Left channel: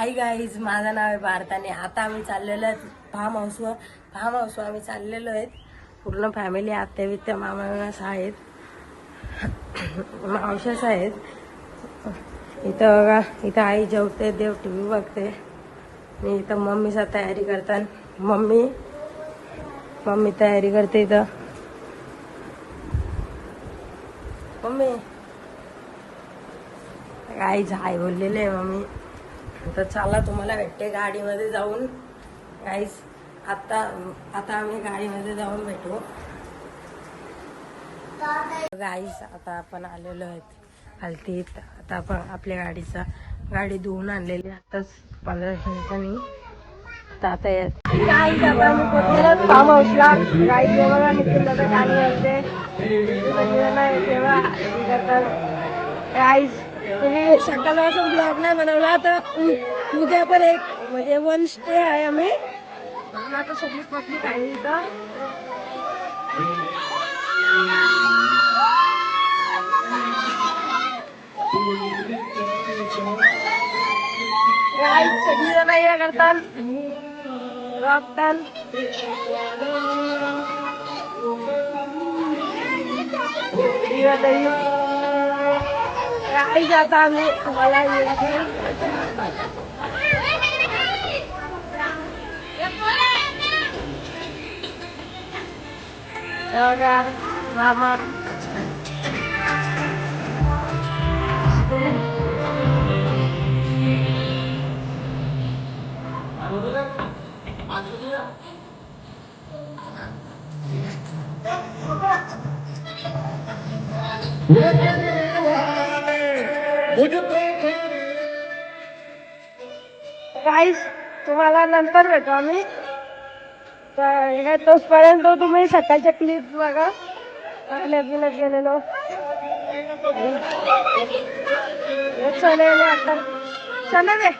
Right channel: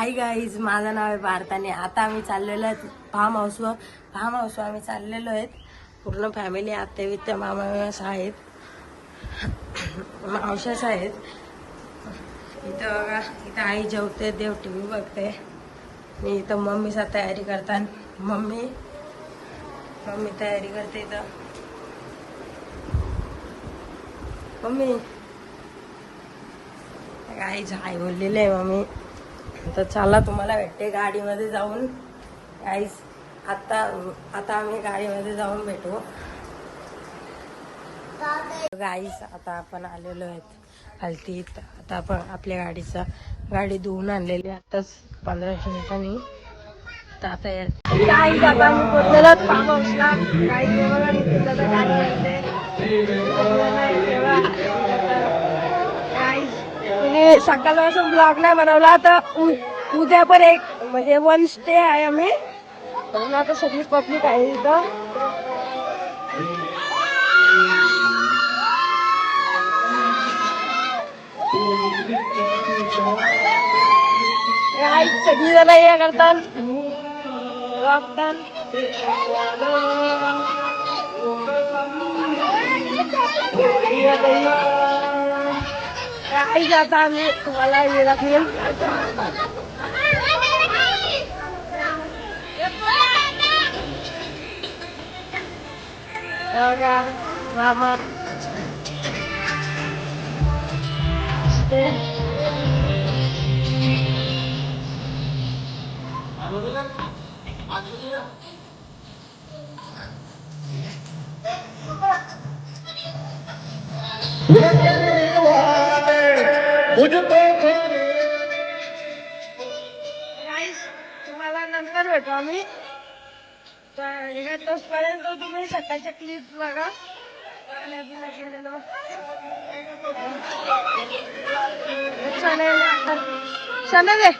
Hi guys, माझं नाव आहे भारत आणि आता आम्ही चाललेलो आहे फार्म हाऊस आम्ही चाललेलो आहेत. पूर्ण फॅमिली आत्या वित्या मामास आहेत, मावशास आहेत. इथं बघा, इथं आई जेवते, देव टीव्ही बघते आणि इथं मम्मीचा तयारी करतात. मम्मी तयारी करते इथं. मम्मी गाईज हाय बोललेले आहे मम्मी. तर चला तुम्हाला भेटते गाडीमध्ये जाऊन. गाईज आता आम्ही गाडीमध्ये जाऊन भेटू. गाईज आता आपण आलेलो आहेत हलतीत. आता आपण आपल्या गाडी धुवून आणलेली आताच 15 मिनिटांनी. आता गाईज आता आम्ही पोचलेला फार्म हाऊसला. गाईज बघा निघून जातं गाडीमध्ये. गाईज म्हणजे सकाळपासून ब्लॉग नाही बनवला, तर उद्या पण एक म्हणजे 1 स्टे आहे आम्ही म्हणून. आता सगळी पब्लिक आहे इथं. सगळी जण हे करतात, रॉकतात. आई जाता आम्ही तुम्हाला मामा गाईस तुम्हाला नंतर भेटू आम्ही. तोपर्यंत तुम्ही सकाळच्या क्लिप बघा. नवीनच गेलेलो चले दे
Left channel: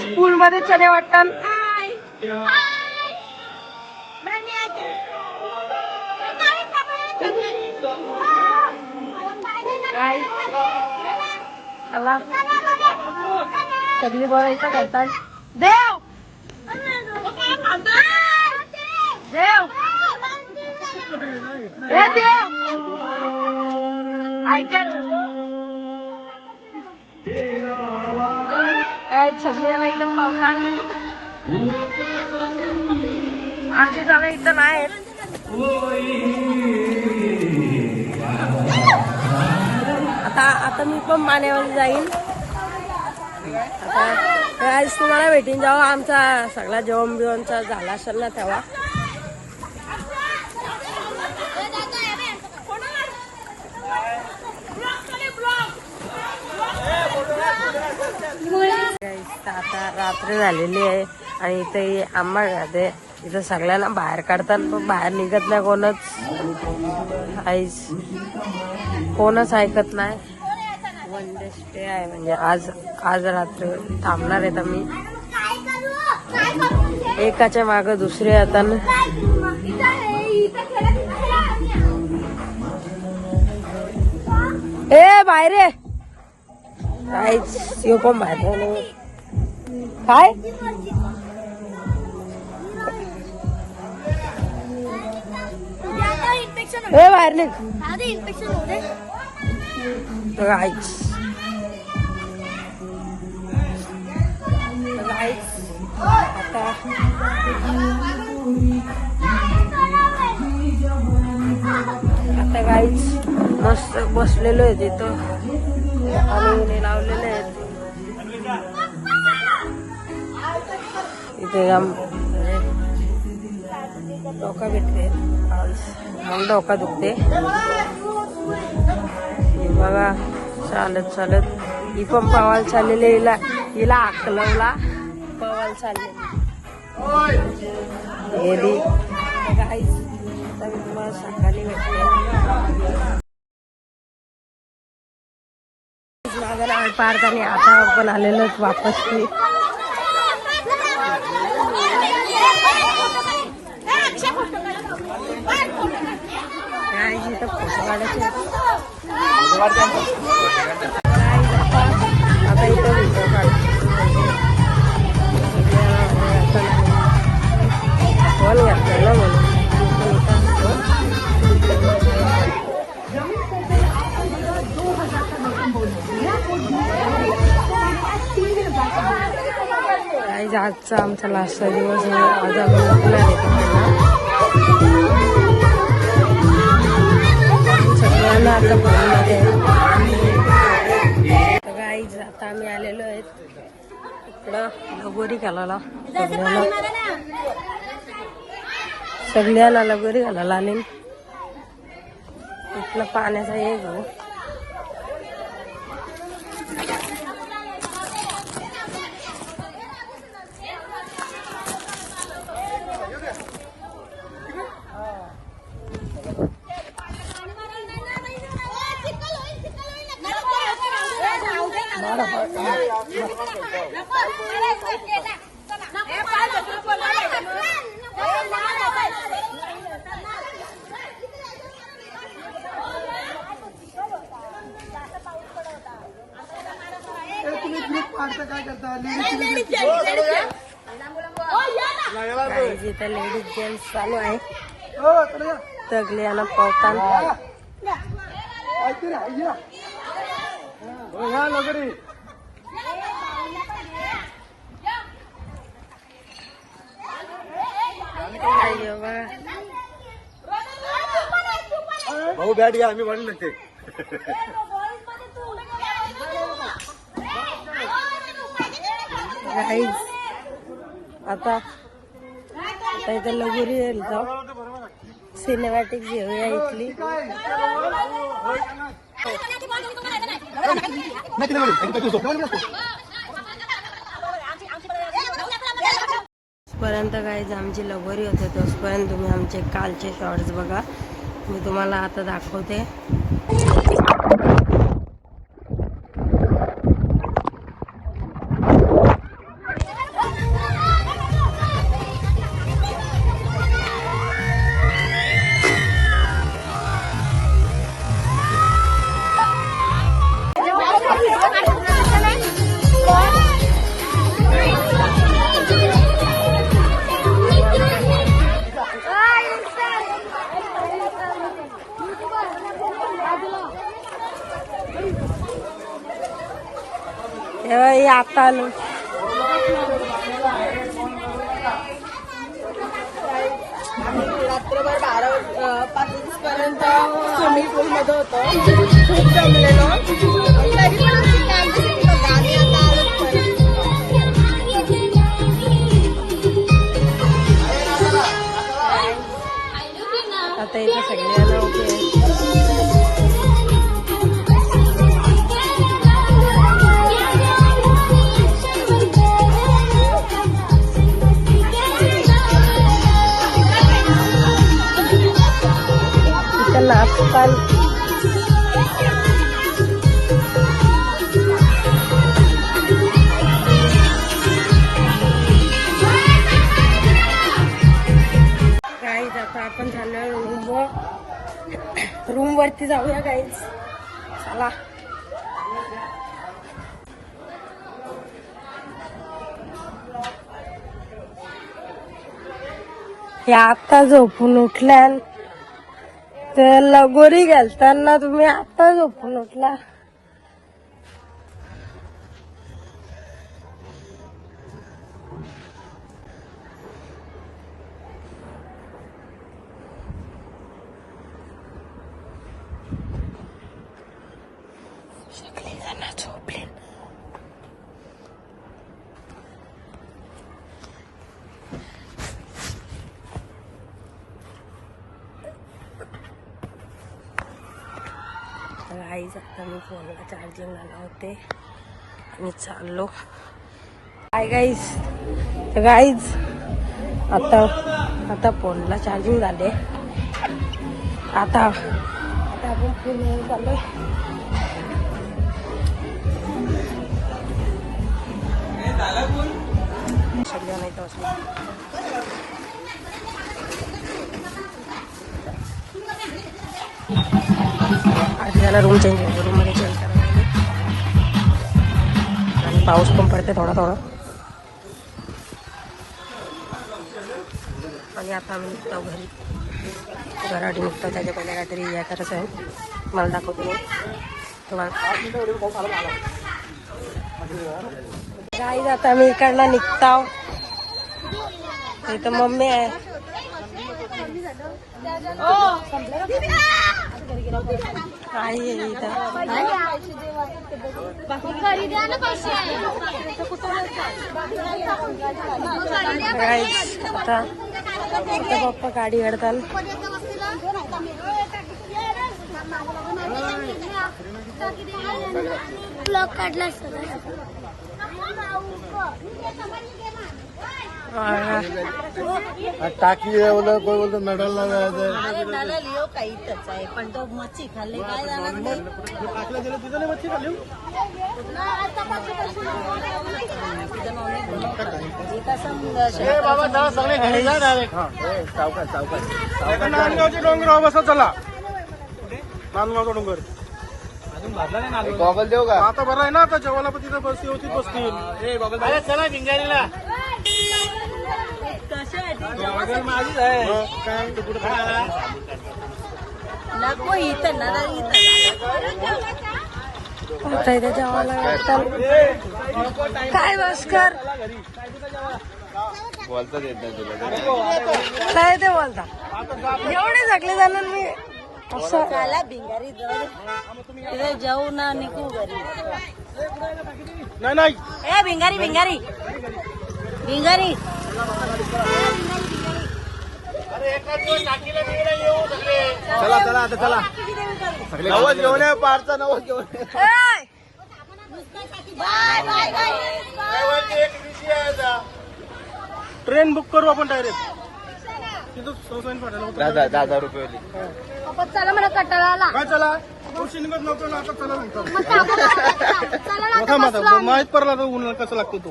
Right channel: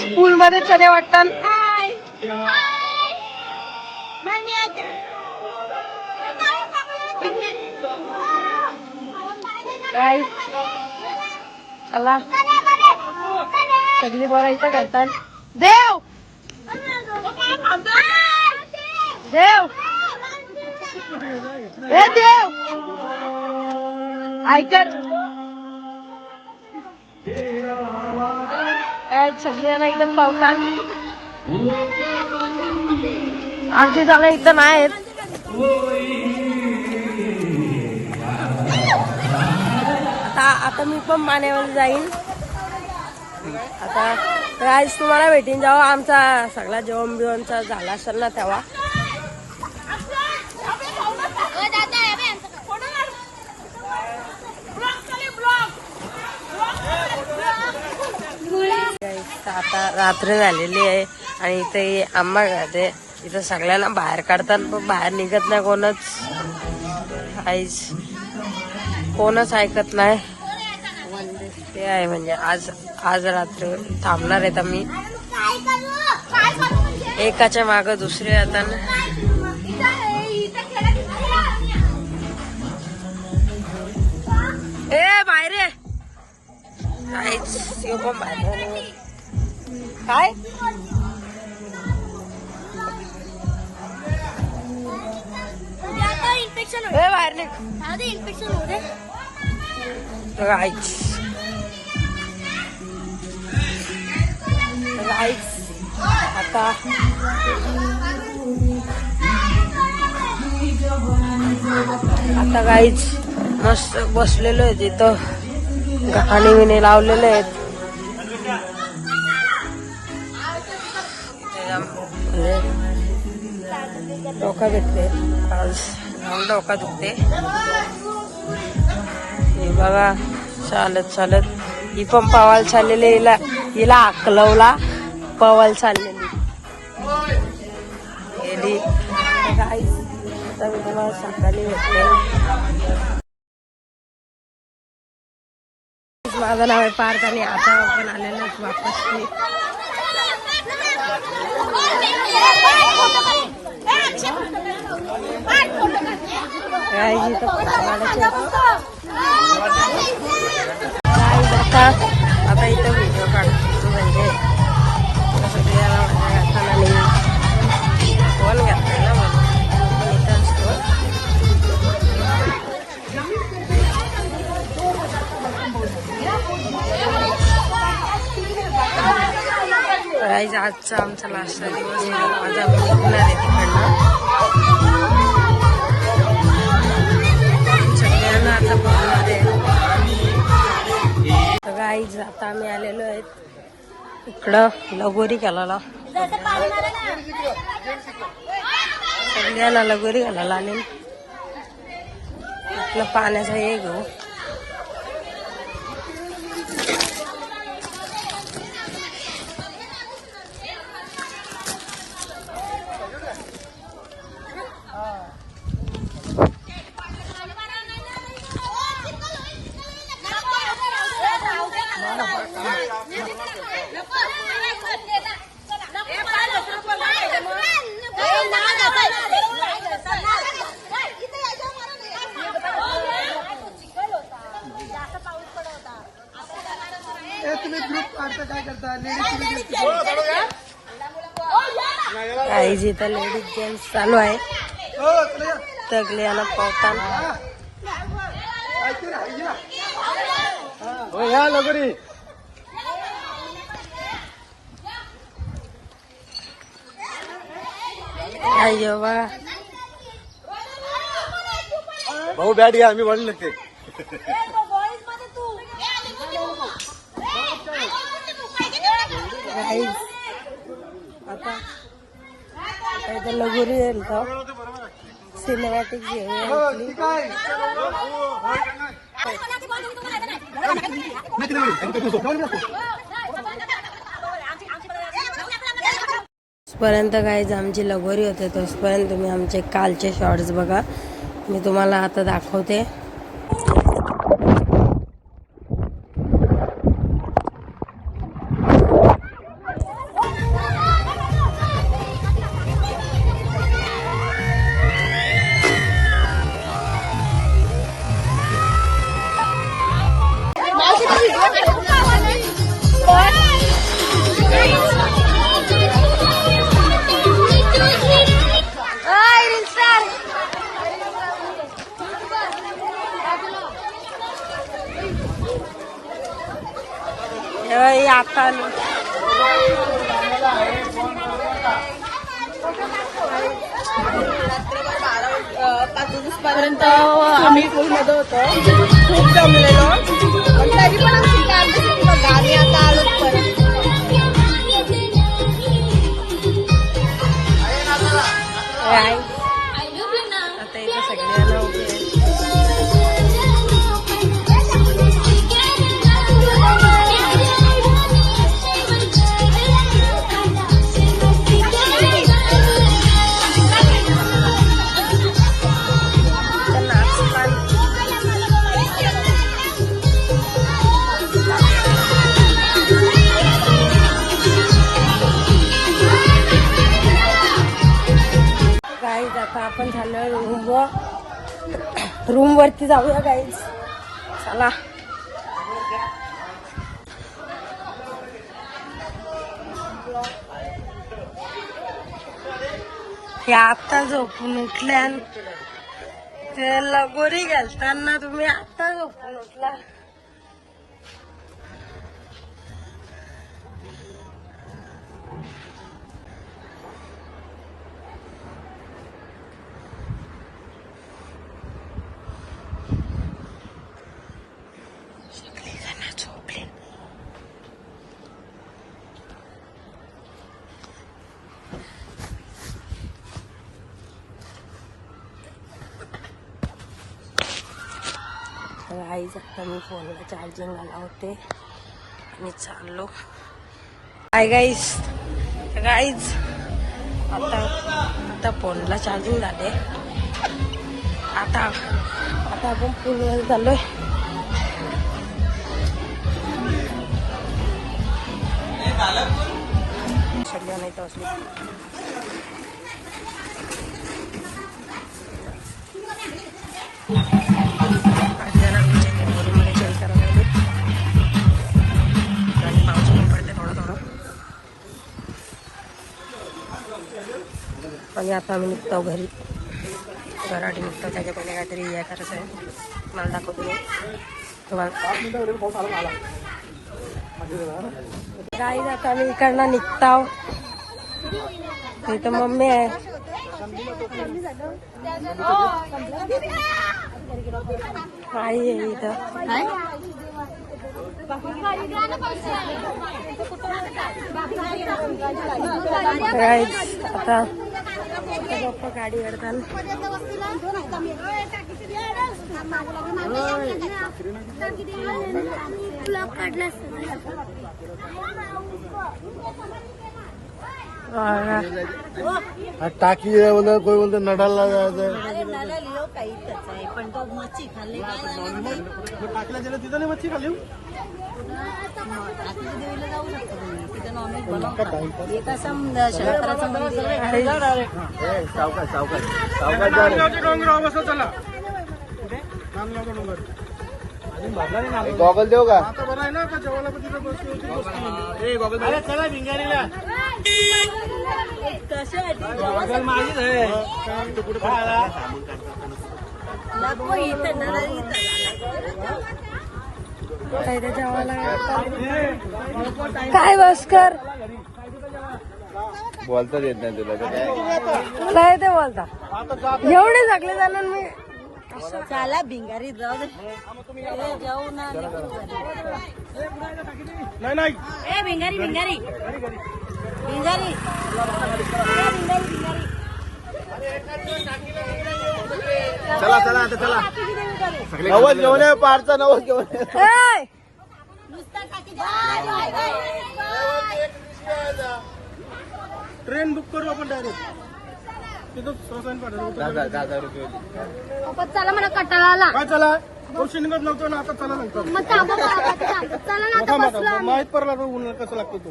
स्कूल मध्ये चणे वाटतात. चला सगळी बोलायचं करतात. देव हे देव ऐकत सगळ्यांना एकदम पावतात. आमची जागा इथं नाही. आता मी पण पाण्यामध्ये जाईन. आता आज तुम्हाला भेटीन जेव्हा आमचा सगळा जेवण बिवणचा झाला असेल ना तेव्हा. आता रात्र झालेली आहे आणि इथे आंबा खाते. इथं सगळ्यांना बाहेर काढतात पण बाहेर निघत नाही कोणच ऐकत नाही. 1 डे स्टे आहे म्हणजे आज रात्र थांबणार आहेत आम्ही. एकाच्या मागं दुसरे आता बाहेर काहीच पण बाहेर काय बाहेर इन्फेक्शन होते. आता गाईच मस्त बसलेलो आहे तिथं आणि विने लावलेले आहेत. इथे डोका घेतले, डोका दुखते. हे बघा चालत ही पण पवाल चाललेली. हिला अकलवला पवाल चाललेली गेली. आता मी तुम्हाला सकाळी भेटते. माझं नाव आहे पार्थ आणि आता आपण आलेलो वापस. इथं फोटो काढायचे आता इथं व्हिडिओ काढतो म्हणजे सगळ्याला माझ्या घाताला फोन घातलेला म्हणून मी पण इथं असतो. आजचा आमचा लास्टचा दिवस आहे. आज आम्ही निघणार आहे तिकडनं. सगळ्यांना आता फोनमध्ये गाईज आता आम्ही आलेलो आहेत इकडं लगोरी घालायला. सगळ्याला लगोरी घालायला आले. इथलं पाण्याचा हे घेऊ. काही जिथं लेडीज जेंट्स चालू आहे. तगल्यानं पावतान भाऊ बैठ गया आम्ही वाढ लागते. आता इथं लगोरी येईल का सिनेमॅटिक घेऊया इथली. पर्यंत गाईज आमची लगोरी होते तोपर्यंत तुम्ही आमचे कालचे शॉर्ट्स बघा. मी तुम्हाला आता दाखवते. आता आलो रात्रभर 12-5 पर्यंत आम्ही मध्ये होतो. खूप जमलेलो. आता इथं सगळ्यांना उभे नाचपान गाईज. आता आपण झालं रूम वरती जाऊया गाईज. चला हे आता झोपून उठल्या तर लगोरी घालताना तुम्ही आता झोपून उठला. गाईज आता मी फोनला चार्जिंग लावते आणि चाललो. हाय गाईज आता फोनला चार्जिंग झाले. आता आपण पूलमध्ये चाललोय. सगळ्यांना इथं वाटली आज त्याला रूम मध्ये चेंज करायला लागले आणि पाऊस पण पडते थोडा थोडा. आणि आता आम्ही निघतो घरी, घराटी निघतो. त्याच्या पहिले काहीतरी हे करायचं आहे, मला दाखवतो मी तुम्हाला. गाईज आता आम्ही इकडनं निघतो. इथं मम्मी आहे. आई आहे इथं. गाईज आता पप्पा गाडी काढताल. टाकी बोलतो, कोण बोलतो नडाला जायचंय. टाकीला गेलं तिथं नाही मच्छी खाली. चला नांदगावचा डोंगर अजून भरला नाही. नांदगाव देऊ का आता बरं आहे ना. आता जेवायला पण तिथं बसली होती. चला भिंगारीला माझीच आहे. आता इथं जेवायला काय भास्कर बोलता येत नाही तुला तर काय. मला येते बोलता. एवढे झाकले जाणार मी असं. भिंगारी जाऊ ना निघू नाही नाही भिंगारी भिंगारी भिंगारी चला चला आता चला. सगळे पारचा नवल घेऊन ट्रेन बुक करू आपण डायरेक्ट. तिथं 10,000 रुपये. चला मला कटाळाला चला वर्ष निघत नव्हतं ना, आता चला नव्हतं. मग थांबा चला ना आता बसलो आम्ही. माहित पडला तो उन्हाळा कसं लागतो तो.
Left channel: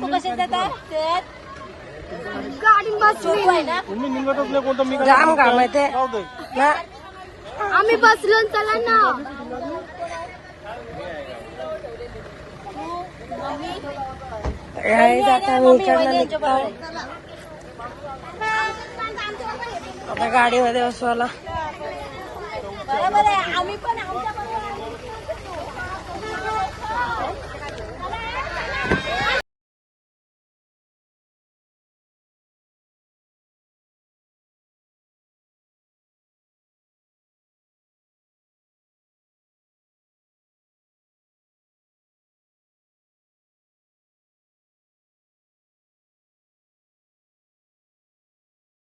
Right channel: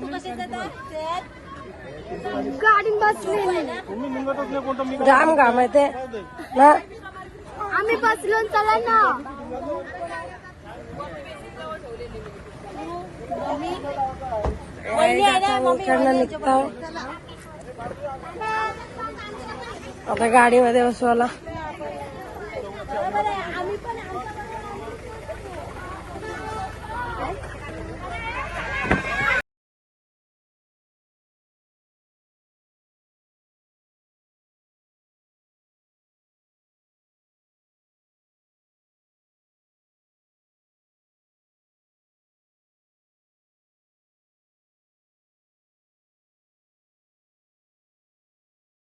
तू कसे गाडी बसली तुम्ही निघतच नाही कोणतं. मी जाम काम आहे ते ना. आम्ही बसलो चला ना. आता मी इकडनं निघतो. आता गाडीमध्ये बसवायला बरोबर आहे आम्ही पण